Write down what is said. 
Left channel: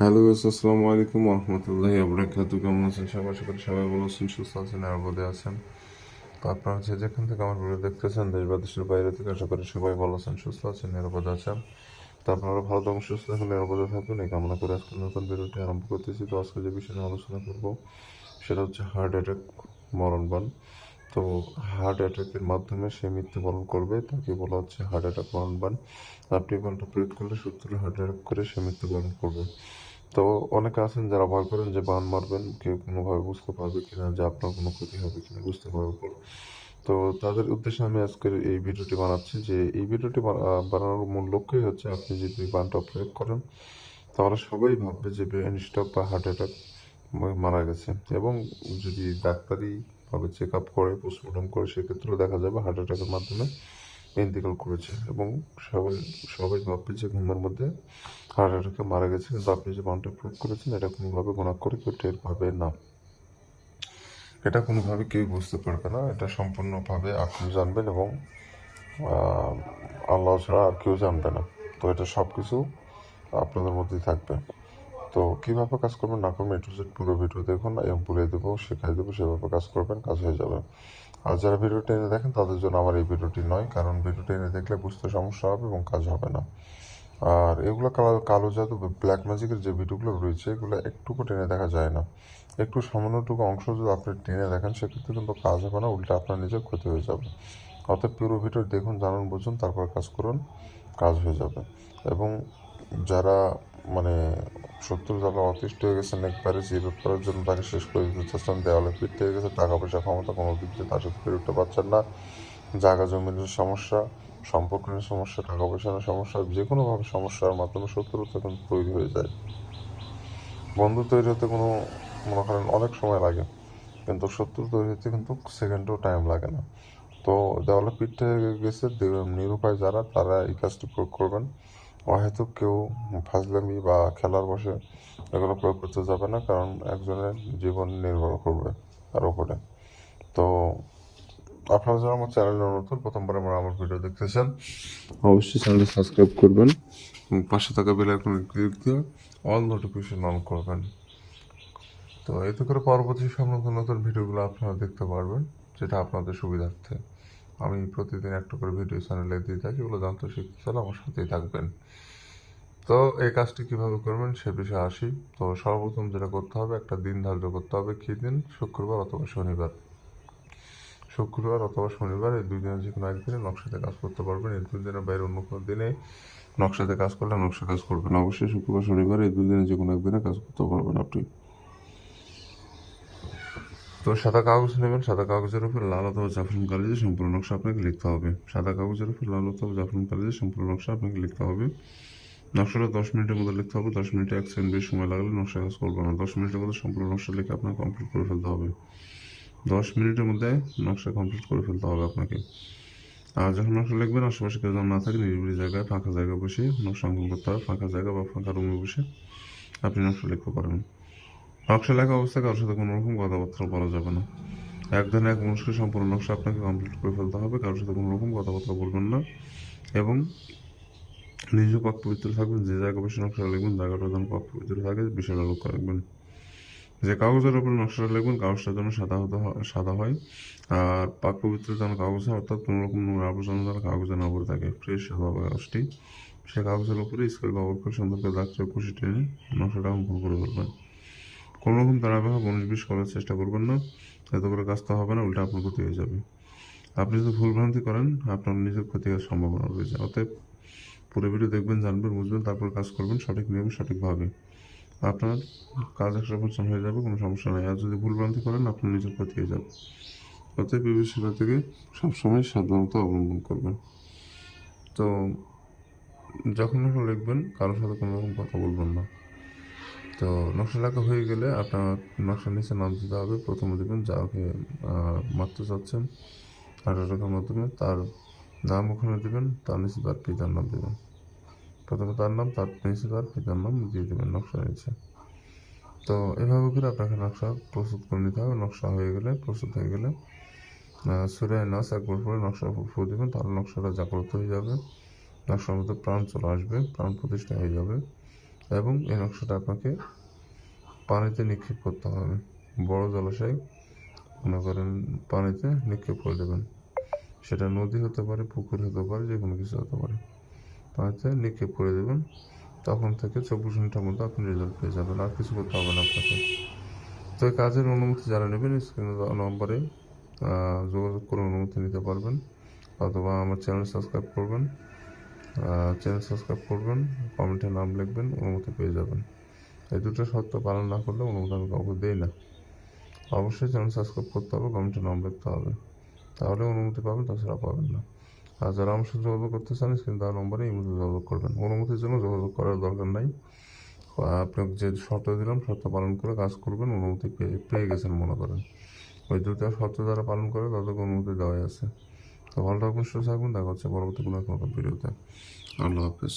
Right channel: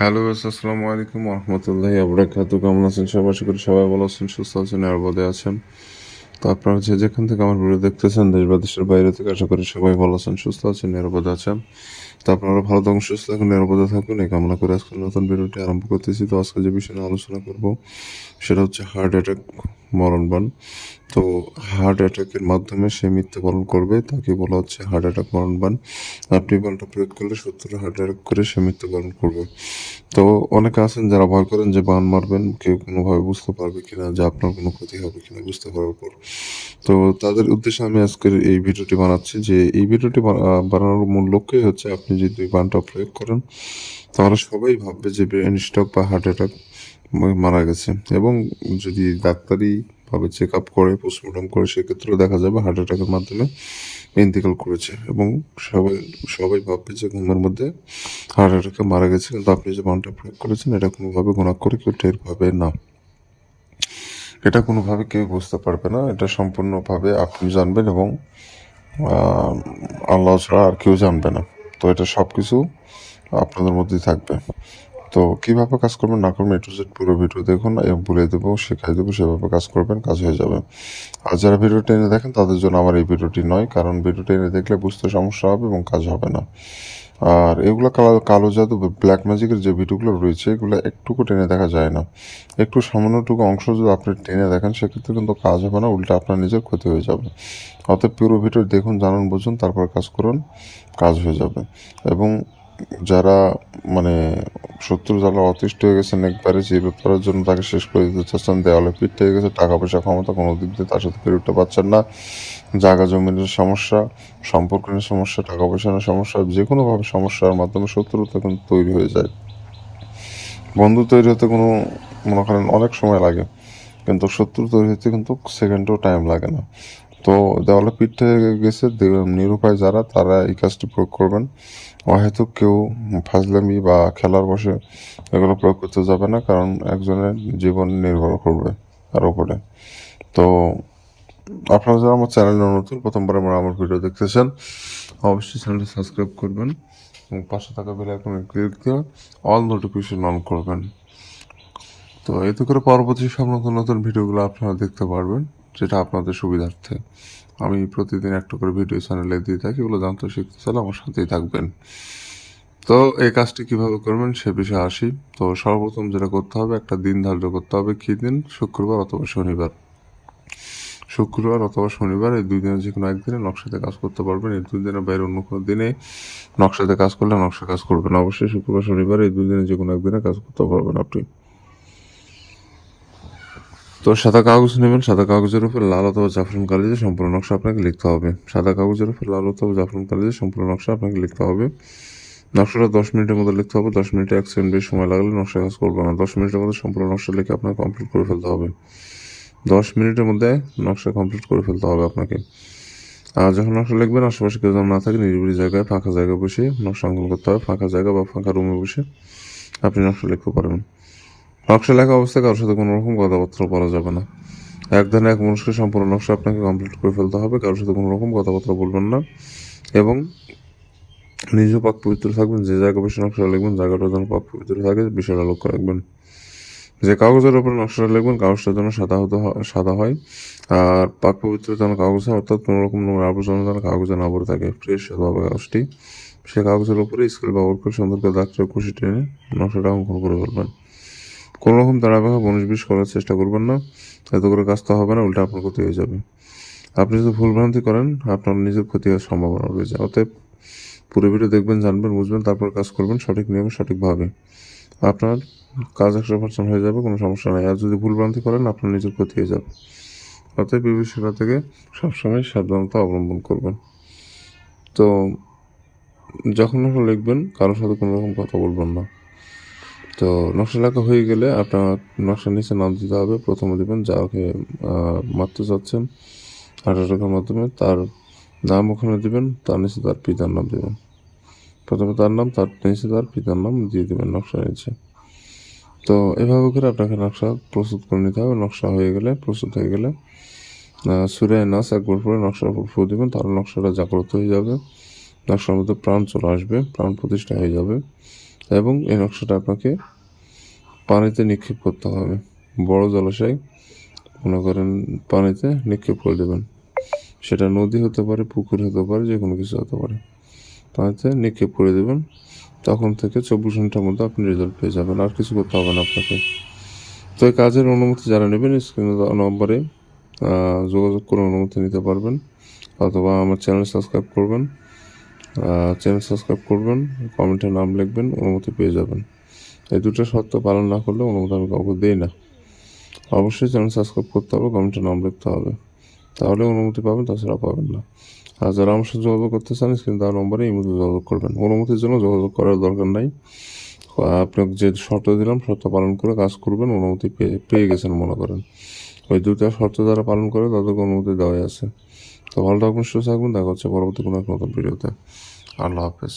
Hello আসসালামু আলাইকুম রহমতুল্লাহি আবরাকাতু। কেমন আছেন সবাই? আশা করি সবাই ভালো আছেন, সুস্থ আছেন, নিরাপদে আছেন। তো আপনারা যেখান থেকে আমার ভিডিও দেখতেছেন, দেশ বা দেশের বাইরে থেকে, আশা করি সবাই ভালো আছেন, সুস্থ আছেন, নিরাপদে আছেন। তো আপনারা ভালো থাকুন, সুস্থ থাকুন, নিরাপদে থাকুন, এই কামনা করে আজকে নতুন ভিডিওটি আরম্ভ করতেছি। তো আজকে যে বিষয়ে নিয়ে আলোচনা করব সেটা হচ্ছে হার্ট অ্যাটাক, মরণবান। তো হার্ট অ্যাটাকের মাধ্যমে সে মৃত্যুবরণ করবে, তাকে বলা হচ্ছে হার্ট অ্যাটাক, মরণবান। আপনি বানটা প্রয়োগ করলে সত্তর হার্ট অ্যাটাক করে সে মৃত্যুবরণ করবে। তো অনেকে আছেন যারা ভয় করেন যে বান মারবেন কেউ কোনোভাবে বুঝতে পারবে কিনা, যে আপনার কোনো ক্ষতি হবে কিনা বুঝতে পারার পর। তো তাদের উদ্দেশ্যে আমি আজকের এই ভিডিওটি বানাচ্ছি, যে এই ভিডিওটি বানানোর মূল লক্ষ্যই হচ্ছে আপনি যদি বানটা প্রয়োগ করেন তাহলে সবাই ভাববে যে ব্রেন স্ট্রোক বা হার্ট অ্যাটাক মারা গেছে। এবং যদি ডাক্তারি ভাবে চেক আপ করে, পোস্টমর্টম করে, সেক্ষেত্রেও দেখা যাবে হার্ট অ্যাটাকের মাধ্যমে ইন্তেকাল করেছে। এবং সবাই সবাই ভাববে যে ঘুমের মধ্যে হার্ট অ্যাটাকে মারা গেছে, কিন্তু আপনি যে বানটা প্রয়োগ করেছেন এটা কোনোভাবে গুণা করে কেউ টের পাবে না। এটা কোনোভাবে কেউ বুঝতে পারবে না, এটা সম্পূর্ণভাবে আপনি জানবেন এবং আহ, আল্লাহ ছাড়া আর কেউ জানবে না। তো এটা সব কিছু আপনাদের মধ্যেই থাকবে। তো কীভাবে কাজ করবেন না করবেন একটু পুরো ভিডিও দেখুন, এবং বলে দেবো, শেখাই দেবো, সেভাবে কাজ করবেন, কাজ হয়ে যাবে। আর যারা ভিডিও টেনে দেখেন তাদের জন্য আমার এই ভিডিওটি নয়, কারণ ভিডিও টেনে দেখলে বুঝতে সমস্যা হবে এবং কাজ হবে না। আর এগুলো কালো কালো জাদু, ব্ল্যাক ম্যাজিকের যে ভিডিওগুলো রয়েছে এগুলো একটুকু টেনে দেখা যায় না। একটু সামান্যটুকু অংশ যদি আপনি টেনে দেখেন সেক্ষেত্রে কিন্তু কাজ হবে না, উল্টা আপনার নিজের ক্ষতি হয়ে যাবে। অতএব পুরো ভিডিও দেখুন, জানুন, বুঝুন, তারপর কাজ করুন, কাজ হয়ে যাবে। এবং যারা মানে শত্রু যারা অতিষ্ঠ হয়ে গেছেন একবারে চিরতরের করার জন্য, তাকে শেষ করে দিতে চাচ্ছেন, দেওয়ালে পিঠ থেকে গেছে, টাকা পয়সা ক্ষমতা কোনো দিক দিয়ে তার সাথে পেরে উঠতে পারছেন না, জায়গা জমিনের সমস্যা, সম্পর্ক নিয়ে সমস্যা, টাকা পয়সা নিয়ে সমস্যা, যে কোনোভাবে সমস্যার মাধ্যমে শত্রুতা কিন্তু তৈরি হয়ে যায়। বন্ধু তৈরি হতে কোনো মনে করেন অনেক সময় লাগে, কিন্তু শত্রু তৈরি হতে কিন্তু সেকেন্ডও টাইম লাগে না। তো দেওয়ালে পিঠ থেকে গেছে নিরুপায় যারা, তারা এই কাজটি প্রয়োগ করবেন। হয়তো কেউ ফাজলামি বা খেলার বসে এগুলো প্রয়োগ করতে যাবে না, কারণ একজনের জীবন নির্ভর করবে তার উপরে। তো আপনারা যারা আমার চ্যানেলে নতুন, প্রথমবার আমার ভিডিও দেখতেছেন, অবশ্যই চ্যানেলটি সাবস্ক্রাইব করবেন এবং পাশে থাকা বেল আইকনে ক্লিক দিয়ে অল নোটিফিকেশন অন করবেন। তো এতে করে পরবর্তী সব নতুন নতুন ভিডিওগুলো আপনারা দেখতে পারবেন, যেটা আপনাদের সুবিধার্থে। আমি প্রতিদিন একটা করে ভিডিও চ্যানেলে দিয়ে থাকি, এগুলো জানতে শিখতে চাইলে আমার সাথেই থাকবেন। তো এই কাজটি কীভাবে করবেন সে বিষয়ে আসি। তো সর্বপ্রথম যেটা করতে হবে, একটা দিন ধার্য করতে হবে। কী দিন? শুক্রবার অথবা শনিবার। শুক্রবার অথবা শনিবার, এই দুই দিনের যে কোনো একদিনে নকশাতে কাজ করতে পারবেন। এই দুই দিনের বাইরে অন্য কোনো দিনে নকশাতে কাজ করলে নকশা কাজ করবেন। অবশ্যই শুক্রবার শনিবার এই দুই দিনে যে কোনো একদিনে কাজ করতে পারবেন আপনি। তো সাদা কাগজ নেবেন, সাদা কাগজের উপর লাল অথবা জাফরান কালিতে সম্পূর্ণ নকশা আপনাকে লিখতে হবে। সাদা কাগজের উপর লাল অথবা জাফরান কালিতে সম্পূর্ণ নকশা আপনাকে লিখতে হবে। নকশাটা 10 মিনিটের মধ্যে লিখতে হবে। 10 মিনিটে 1 সেকেন্ড বেশি সময় লাগলে নকশা কাজ করবে না। 10 মিনিটের মধ্যে সম্পূর্ণ নকশা লিখে আপনাকে কমপ্লিট করে ফেলতে হবে। 10 মিনিটের মধ্যে নকশা কমপ্লিট করে ফেলতে হবে আপনাকে। আর যখন নকশা লিখবেন, আশেপাশে কেউ যেন না থাকে, নিরিবিলি জায়গায়, ফাঁকা জায়গায় বসে নকশা অঙ্কন করতে হবে। ফাঁকা জায়গা বা ফাঁকা রুমে বসে আপনি নকশা লিখতে পারবেন। নকশা লেখা অবস্থায় কারোর সাথে কোনো রকম কথাবার্তা বলা যাবে না। এক ধানে এক মানুষকে সম্পূর্ণ নকশা আপনাকে কমপ্লিট করে ফেলতে হবে, কারোর সাথে কোনো রকম কথাবার্তা বলবেন না। এবং নিজেও পাক পবিত্র থাকবেন। যে জায়গায় বসে নকশা লিখবেন জায়গাটা যেন পাক পবিত্র থাকে, বিষয়টা লক্ষ্য রাখবেন। যে কাগজের উপরে নকশাটা লিখবেন কাগজটা যেন সাদা হয়। আর পাক পবিত্র যেন কাগজ হয়, অর্থাৎ কোনো রকম নোংরা আবর্জনা যেন কাগজে না ভরে থাকে, ফ্রেশ হতে হবে কাগজটি। সে কাগজের উপরে স্কেল ব্যবহার করে সুন্দর করে দাগ চোখ কুশি টেনে নকশাটা অঙ্কন করে ফেলবেন। কোনো রকম তাড়াহুড়ো 19-20 করার চেষ্টা করবেন না, এতে করে কাজটা হবে না, উল্টা আপনার ক্ষতি হয়ে যাবে। আপনি যদি ভুলভ্রান্তি করেন আপনার নিজের ক্ষতি হওয়ার সম্ভাবনা রয়েছে। অতএব পুরো ভিডিও দেখবেন, জানবেন, বুঝবেন, তারপর কাজ করবেন সঠিক নিয়মে, সঠিকভাবে। আপনার কাজ 100% হয়ে যাবে, কোনো সমস্যা নেই। আর যদি ভুলভ্রান্তি করেন আপনার নিজের ক্ষতি হয়ে যাবে। অতএব এই বিষয়টা থেকে সবসময় সাবধানতা অবলম্বন করবেন। তো যখন লিখবেন কারোর সাথে কোনো রকম কথা বলবেন না। তো নকশা লেখা হয়ে গেলে আপনার নকশার নিচে নাম দিতে হবে। প্রথমে দেবেন যাকে মারতে চাচ্ছেন হার্ট অ্যাটাকের মাধ্যমে, তার নাম ওখানে দেবেন, তার নিচে তার পিতার নাম দেবেন। প্রথমে তার নাম, তার নিচে তার পিতার নাম দিয়ে দেবেন নকশা নিচে। তো এভাবে করে আপনাকে নকশা প্রস্তুত করে নিতে হবে। নকশা হয়ে গেলে, প্রস্তুত হয়ে গেলে সূরা নাস একবার পরে নকশার উপর ফু দেবেন, তাহলে নকশাটা জাগ্রত হয়ে যাবে। নকশার মধ্যে প্রাণ চলে আসবে, প্রাণ প্রতিষ্ঠা হয়ে যাবে। এবং এই নকশাটা আপনাকে পানিতে নিক্ষেপ করতে হবে। বড় জলাশয় মনে করেন পানিতে নিক্ষেপ করে দেবেন, সেটা নদী হতে পারে, পুকুর হতে পারে, যে কোনো কিছু হতে পারে। পানিতে নিক্ষেপ করে দেবেন, তখন থেকে 24 ঘন্টার মধ্যে আপনি রেজাল্ট পেয়ে যাবেন, আর কিছু করতে হবে না আপনাকে। তো এই কাজের অনুমতি যারা নেবেন স্ক্রিনে দেওয়া নম্বরে যোগাযোগ করে অনুমতি নিতে পারবেন, অথবা আমার চ্যানেল সাবস্ক্রাইব করবেন, কমেন্টে নাম লিখবেন, অনুমতি পেয়ে যাবেন। এই দুটো শর্ত পালন না করলে অনুমতি আমি কাউকে দিই না। অবশ্যই চ্যানেল সাবস্ক্রাইব করতে হবে, কমেন্টে নাম লিখতে হবে, তাহলে অনুমতি পাবেন, তাছাড়া পাবেন না। আর যারা আমার সাথে যোগাযোগ করতে চান স্ক্রিনে দেওয়া নম্বরে এই মধ্যে যোগাযোগ করবেন। অনুমতির জন্য যোগাযোগ করার দরকার নাই, আপনাকে যে শর্ত দিলাম শর্ত পালন করে কাজ করবেন, অনুমতি পেয়ে গেছেন মনে করেন। ওই দুটা শর্ত যারা পালন করে তাদেরকে অনুমতি দেওয়াই আছে। তো ভালো থাকবেন, সুস্থ থাকবেন, দেখা হচ্ছে পরবর্তী কোনো এক নতুন ভিডিওতে। আল্লাহ হাফেজ।